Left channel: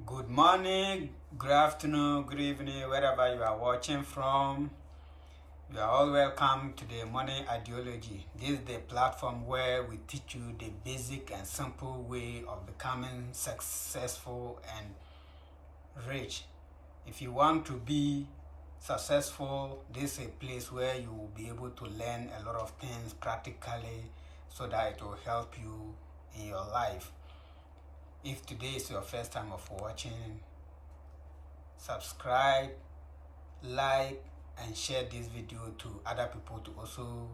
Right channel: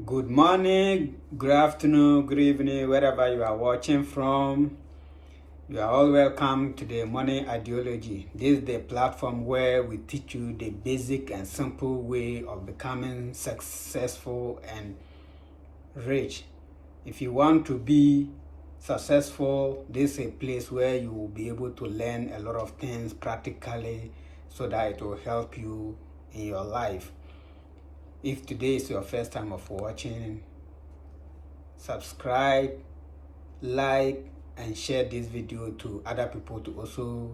Good morning, good afternoon, good evening, wherever you are watching from. You are all welcome to the Money Ideology. This is the platform where we teach you the basic and simple way of becoming successful and rich. If you want to be successful, this is a place where you will be able to learn a lot of things practically so that it will help you in your life. If today is your first time of watching, subscribe, like, and share this video to other people to also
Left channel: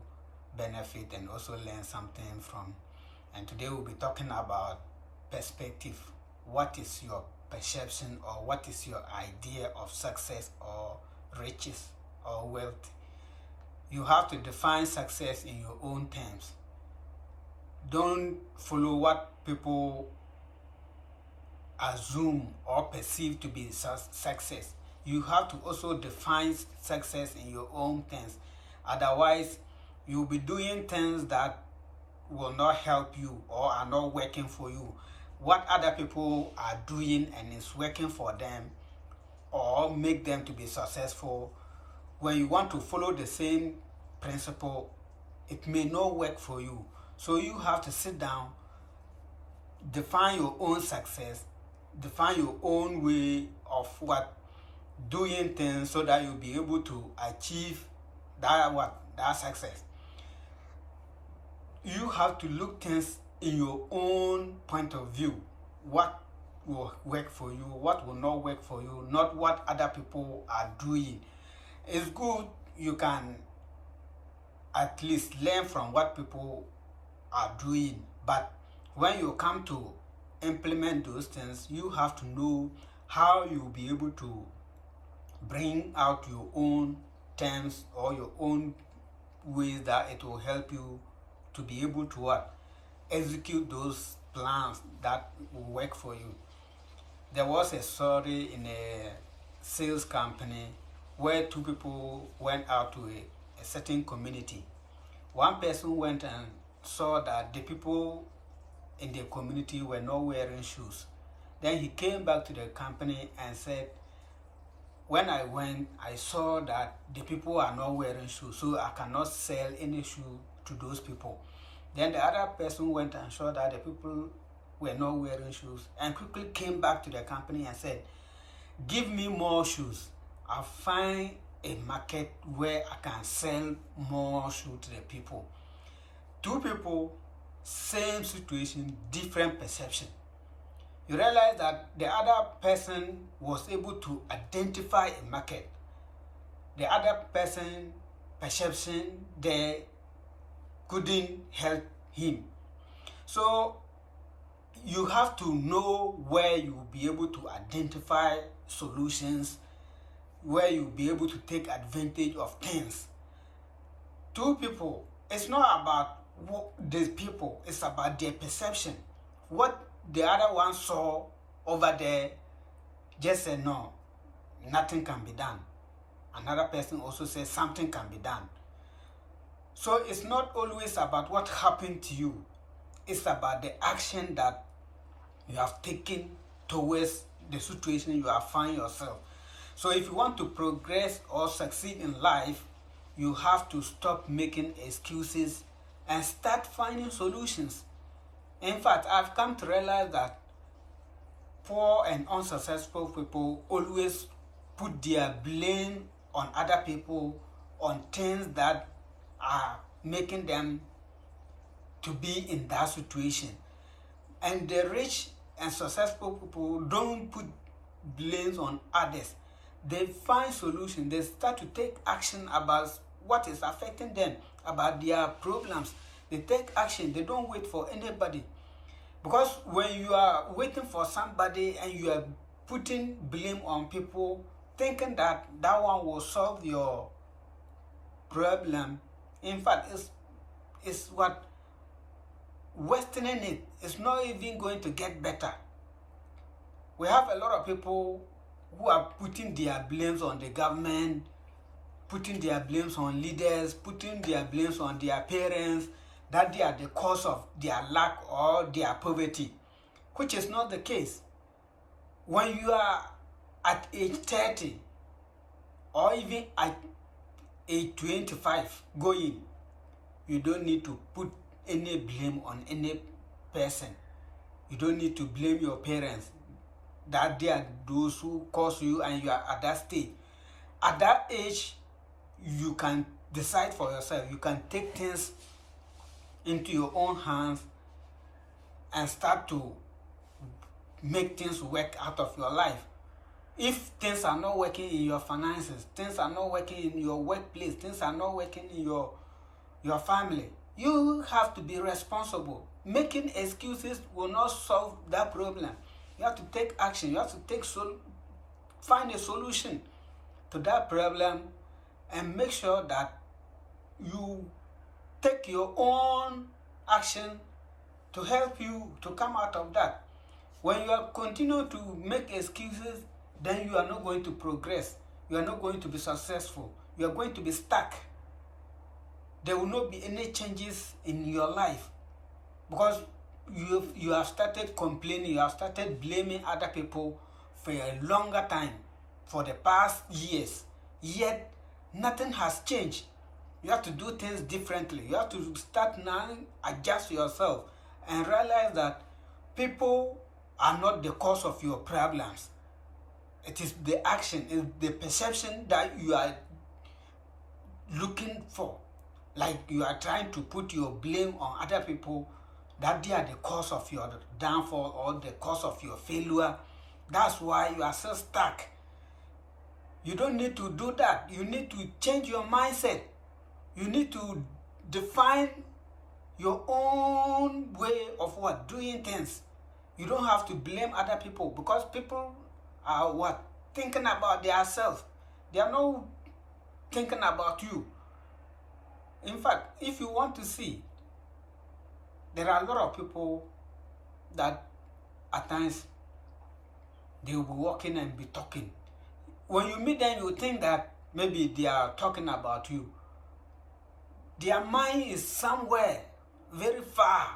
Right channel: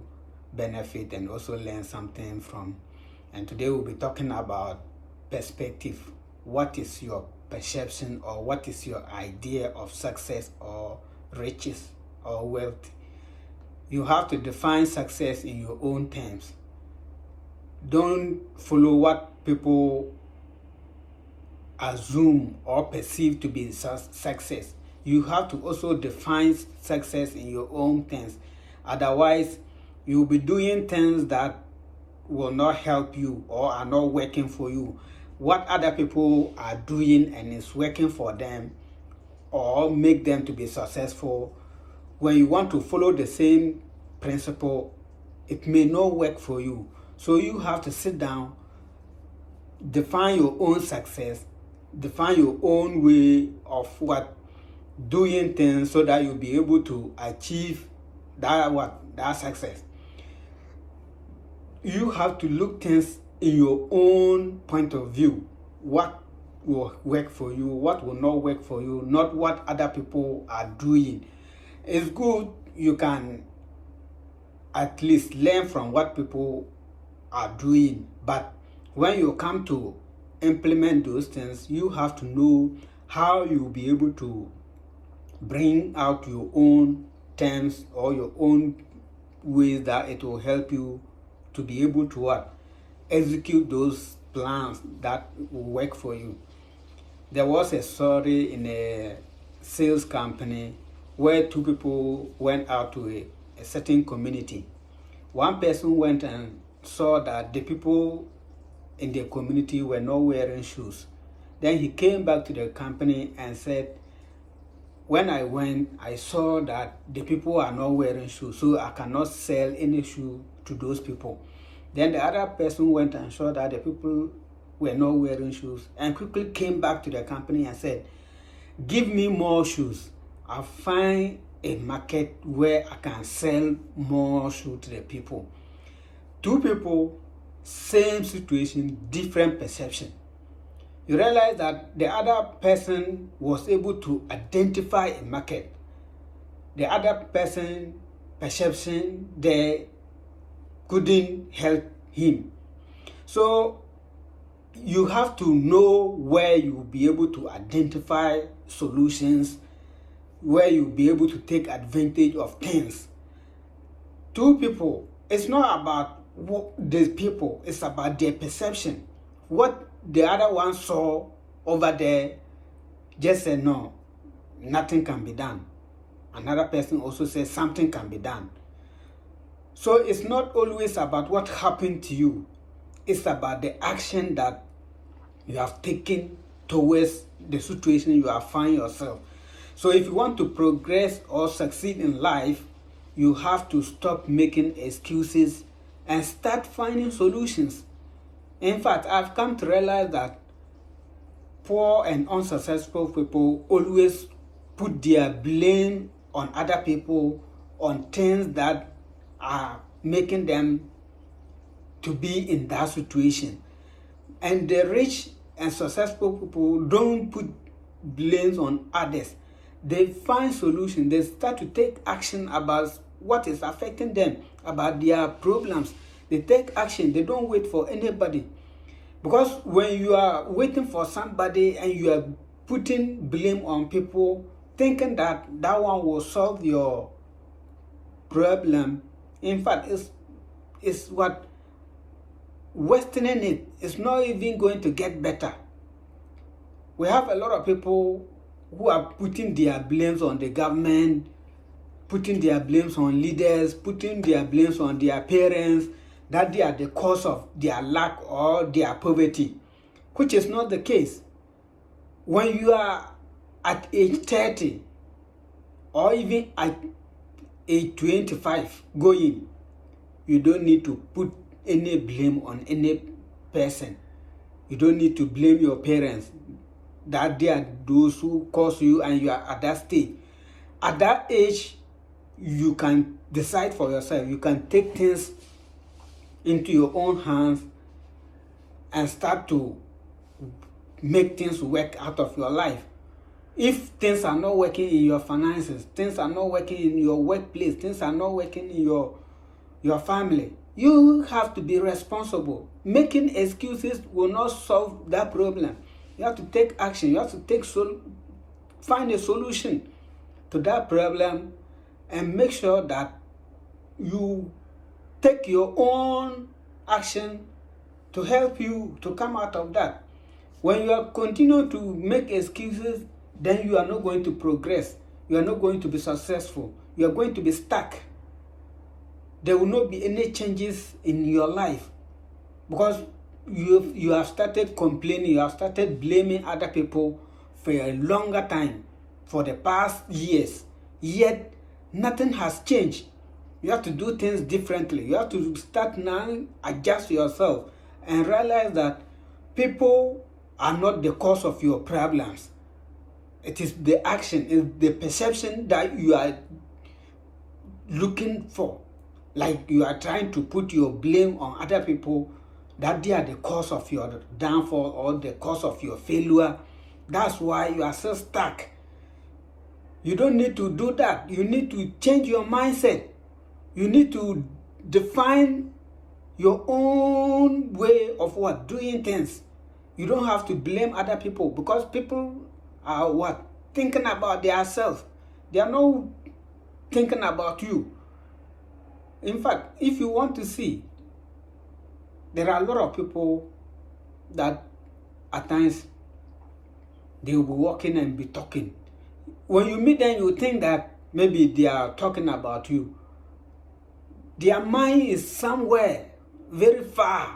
benefit and also learn something from. And today we'll be talking about perspective. What is your perception, or what is your idea of success or riches or wealth? You have to define success in your own terms. Don't follow what people assume or perceive to be success. You have to also define success in your own terms. Otherwise, you'll be doing things that will not help you or are not working for you. What other people are doing and is working for them or make them to be successful, when you want to follow the same principle, it may not work for you. So you have to sit down, define your own success, define your own way of doing things so that you'll be able to achieve that success. You have to look things in your own point of view. What will work for you, what will not work for you, not what other people are doing. It's good you can at least learn from what people are doing, but when you come to implement those things, you have to know how you'll be able to bring out your own terms or your own ways that it will help you to be able to execute those plans that will work for you. There was a story in a sales company where two people went out to a certain community. One person went and saw that the people in the community were not wearing shoes. Then he came back to the company and said, when I went, I saw that the people are not wearing shoes, so I cannot sell any shoe to those people. Then the other person went and saw that the people were not wearing shoes and quickly came back to the company and said, give me more shoes. I'll find a market where I can sell more shoes to the people. Two people, same situation, different perception. You realize that the other person was able to identify a market. The other person perception there couldn't help him. So you have to know where you will be able to identify solutions, where you'll be able to take advantage of things. Two people, it's not about the people, it's about their perception. What the other one saw over there just said, no, nothing can be done. Another person also says something can be done. So it's not always about what happened to you. It's about the action that you have taken towards the situation you have found yourself. So if you want to progress or succeed in life, you have to stop making excuses and start finding solutions. In fact, I've come to realize that poor and unsuccessful people always put their blame on other people, on things that are making them to be in that situation. And the rich and successful people don't put blames on others. They find solutions. They start to take action about what is affecting them, about their problems. They take action. They don't wait for anybody. Because when you are waiting for somebody and you are putting blame on people, thinking that that one will solve your problem, in fact, it's what worsening it. It's not even going to get better. We have a lot of people who are putting their blames on the government, putting their blames on leaders, putting their blames on their parents, that they are the cause of their lack or their poverty, which is not the case. When you are at age 30 or even at age 25 going, you don't need to put any blame on any person. You don't need to blame your parents that they are those who cause you and you are at that stage. At that age, you can decide for yourself. You can take things into your own hands and start to make things work out of your life. If things are not working in your finances, things are not working in your workplace, things are not working in your family, you have to be responsible. Making excuses will not solve that problem. You have to take action. You have to find a solution to that problem and make sure that you take your own action to help you to come out of that. When you are continue to make excuses, then you are not going to progress. You are not going to be successful. You are going to be stuck. There will not be any changes in your life because you have started complaining, you have started blaming other people for a longer time, for the past years, yet nothing has changed. You have to do things differently. You have to start now, adjust yourself and realize that people are not the cause of your problems. It is the action, it's the perception that you are looking for. Like you are trying to put your blame on other people, that they are the cause of your downfall or the cause of your failure. That's why you are so stuck. You don't need to do that. You need to change your mindset. You need to define your own way of doing things. You don't have to blame other people because people are thinking about themselves. They are not thinking about you. In fact, if you want to see, there are a lot of people that at times they will be walking and be talking. When you meet them, you think that maybe they are talking about you. Their mind is somewhere very far.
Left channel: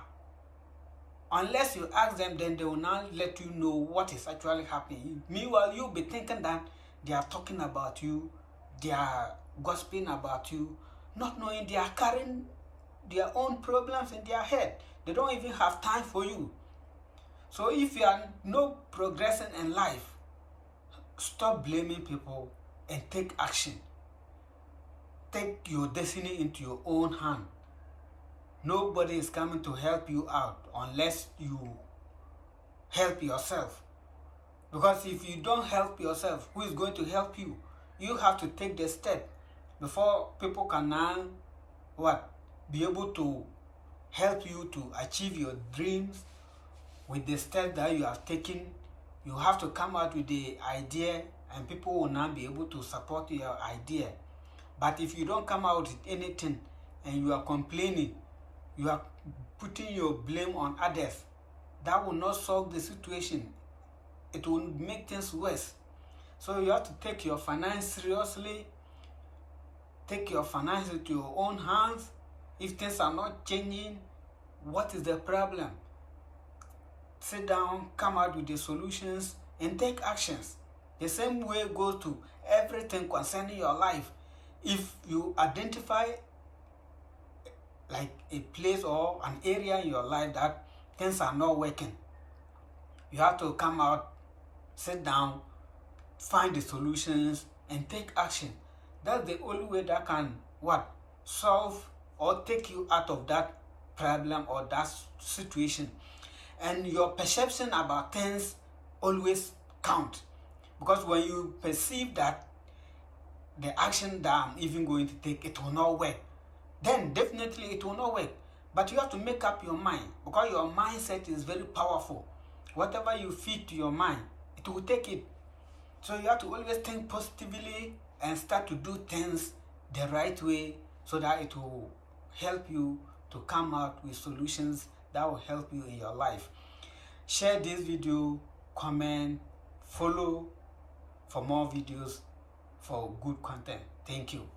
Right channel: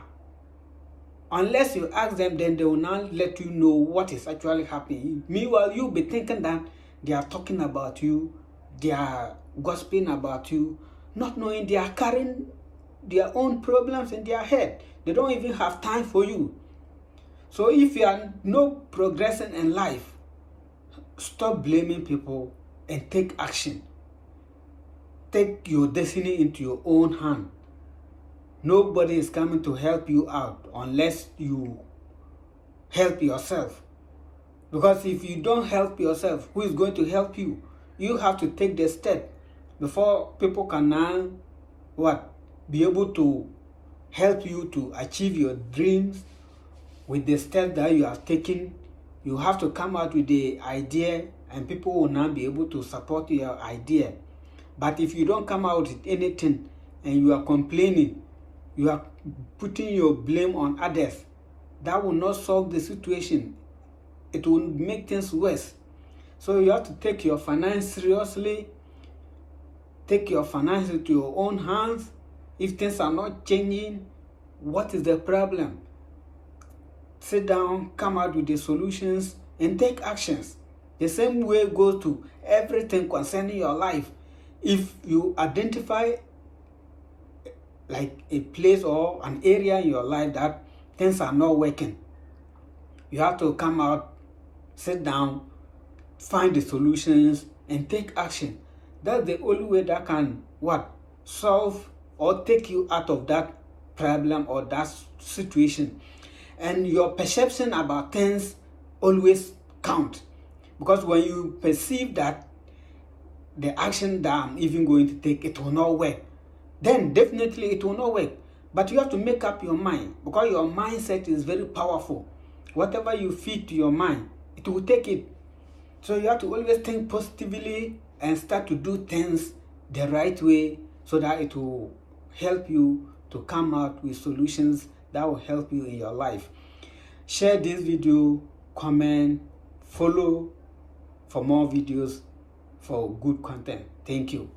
Unless you ask them, then they will not let you know what is actually happening. Meanwhile, you'll be thinking that they are talking about you, they are gossiping about you, not knowing they are carrying their own problems in their head. They don't even have time for you. So if you are not progressing in life, stop blaming people and take action. Take your destiny into your own hand. Nobody is coming to help you out unless you help yourself. Because if you don't help yourself, who is going to help you? You have to take the step before people can now be able to help you to achieve your dreams with the step that you have taken. You have to come out with the idea and people will now be able to support your idea. But if you don't come out with anything and you are complaining, you are putting your blame on others, that will not solve the situation. It will make things worse. So you have to take your finance seriously. Take your finances into your own hands. If things are not changing, what is the problem? Sit down, come out with the solutions, and take actions. The same way goes to everything concerning your life. If you identify like a place or an area in your life that things are not working, you have to come out, sit down, find the solutions, and take action. That's the only way that can solve or take you out of that problem or that situation. And your perception about things always count, because when you perceive that the action that I'm even going to take, it will not work, then definitely it will not work. But you have to make up your mind, because your mindset is very powerful. Whatever you feed to your mind, it will take it. So you have to always think positively and start to do things the right way, so that it will help you to come out with solutions that will help you in your life. Share this video, comment, follow for more videos for good content. Thank you.